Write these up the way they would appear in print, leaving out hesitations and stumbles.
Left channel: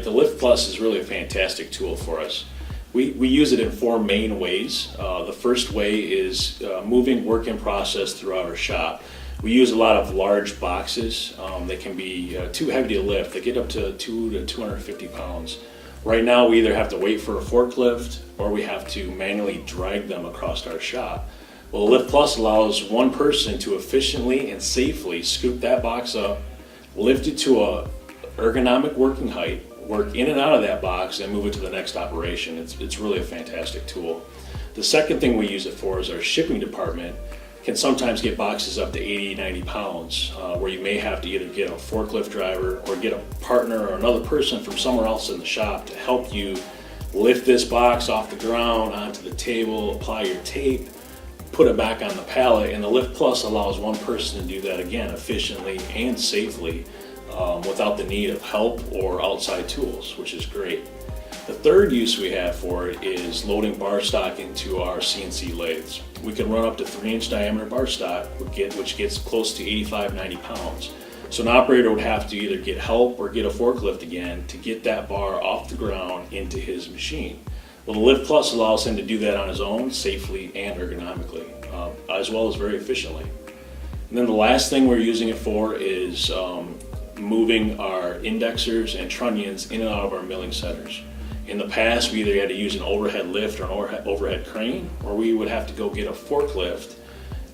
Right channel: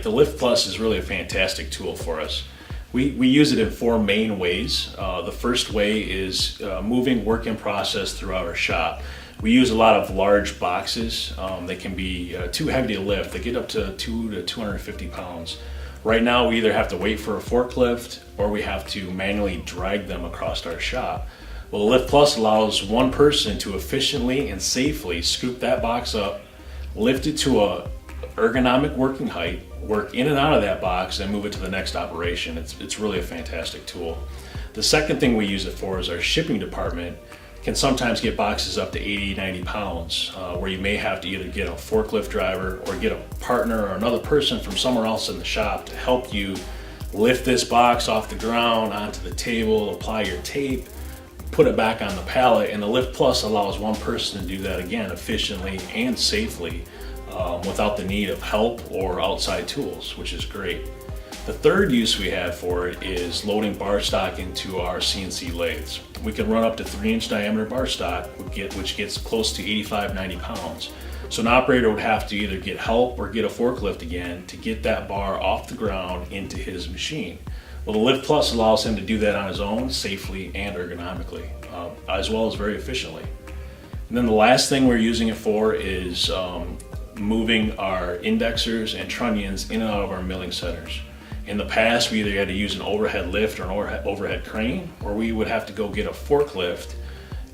height, the LiftPlus is really a fantastic tool for us. We use it in four main ways. The first way is moving work in process throughout our shop. We use a lot of large boxes. They can be too heavy to lift. They get up to 200 to 250 pounds. Right now we either have to wait for a forklift or we have to manually drag them across our shop. Well, LiftPlus allows one person to efficiently and safely scoop that box up, lift it to a ergonomic working height, work in and out of that box, and move it to the next operation. It's really a fantastic tool. The second thing we use it for is our shipping department can sometimes get boxes up to 80, 90 pounds, where you may have to either get a forklift driver or get a partner or another person from somewhere else in the shop to help you lift this box off the ground onto the table, apply your tape, put it back on the pallet, and the LiftPlus allows one person to do that again efficiently and safely without the need of help or outside tools, which is great. The third use we have for it is loading bar stock into our CNC lathes. We can run up to 3-inch diameter bar stock, which gets close to 85, 90 pounds. So an operator would have to either get help or get a forklift again to get that bar off the ground into his machine. Well, the LiftPlus allows him to do that on his own, safely and ergonomically, as well as very efficiently. And then the last thing we're using it for is moving our indexers and trunnions in and out of our milling centers. In the past, we either had to use an overhead lift or an overhead crane, or we would have to go get a forklift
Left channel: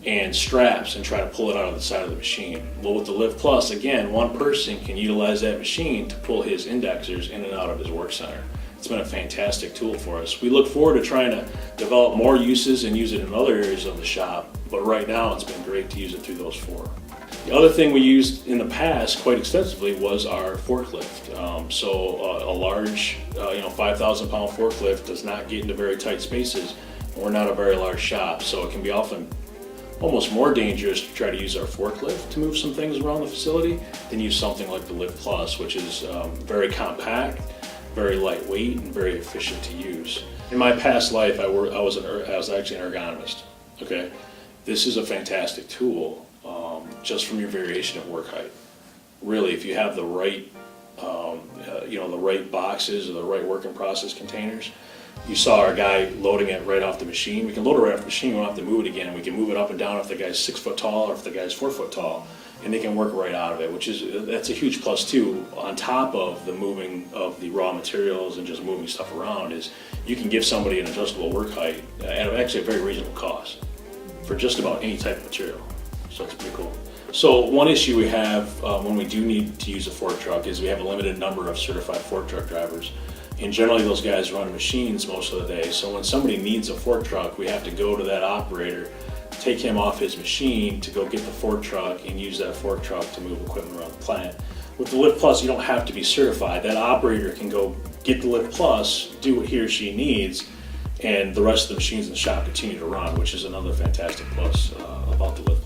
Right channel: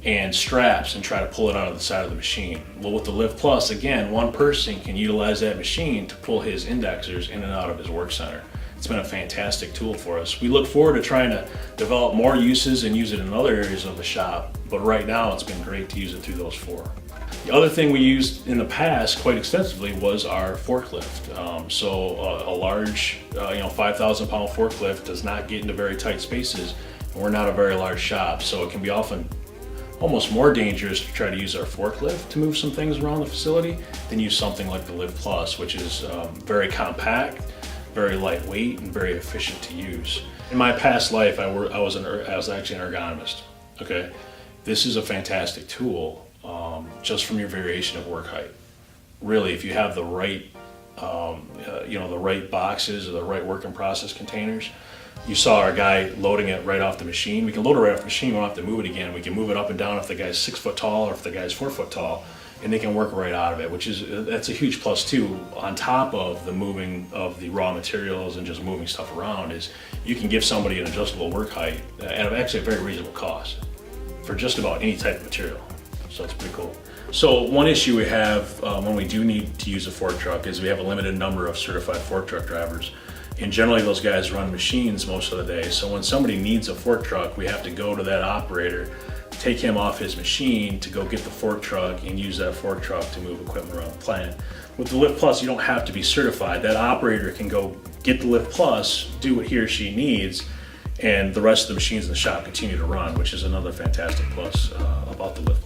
and straps and try to pull it out of the side of the machine. Well, with the LiftPlus, again, one person can utilize that machine to pull his indexers in and out of his work center. It's been a fantastic tool for us. We look forward to trying to develop more uses and use it in other areas of the shop, but right now it's been great to use it through those four. The other thing we used in the past quite extensively was our forklift. A large 5,000 pound forklift does not get into very tight spaces, and we're not a very large shop, so it can be often almost more dangerous to try to use our forklift to move some things around the facility than use something like the LiftPlus, which is very compact, very lightweight, and very efficient to use. In my past life, I was actually an ergonomist. Okay, this is a fantastic tool just from your variation of work height. Really, if you have the right, the right boxes or the right work in process containers. You saw our guy loading it right off the machine. We can load it right off the machine. We don't have to move it again. We can move it up and down if the guy's 6 foot tall or if the guy's 4 foot tall, and they can work right out of it, that's a huge plus too. On top of the moving of the raw materials and just moving stuff around, is you can give somebody an adjustable work height at actually a very reasonable cost for just about any type of material. So it's pretty cool. So one issue we have when we do need to use a fork truck is we have a limited number of certified fork truck drivers. And generally those guys run machines most of the day. So when somebody needs a fork truck, we have to go to that operator, take him off his machine to go get the fork truck and use that fork truck to move equipment around the plant. With the LiftPlus, you don't have to be certified. That operator can go get the LiftPlus, do what he or she needs, and the rest of the machines in the shop continue to run, which is another fantastic plus about the LiftPlus.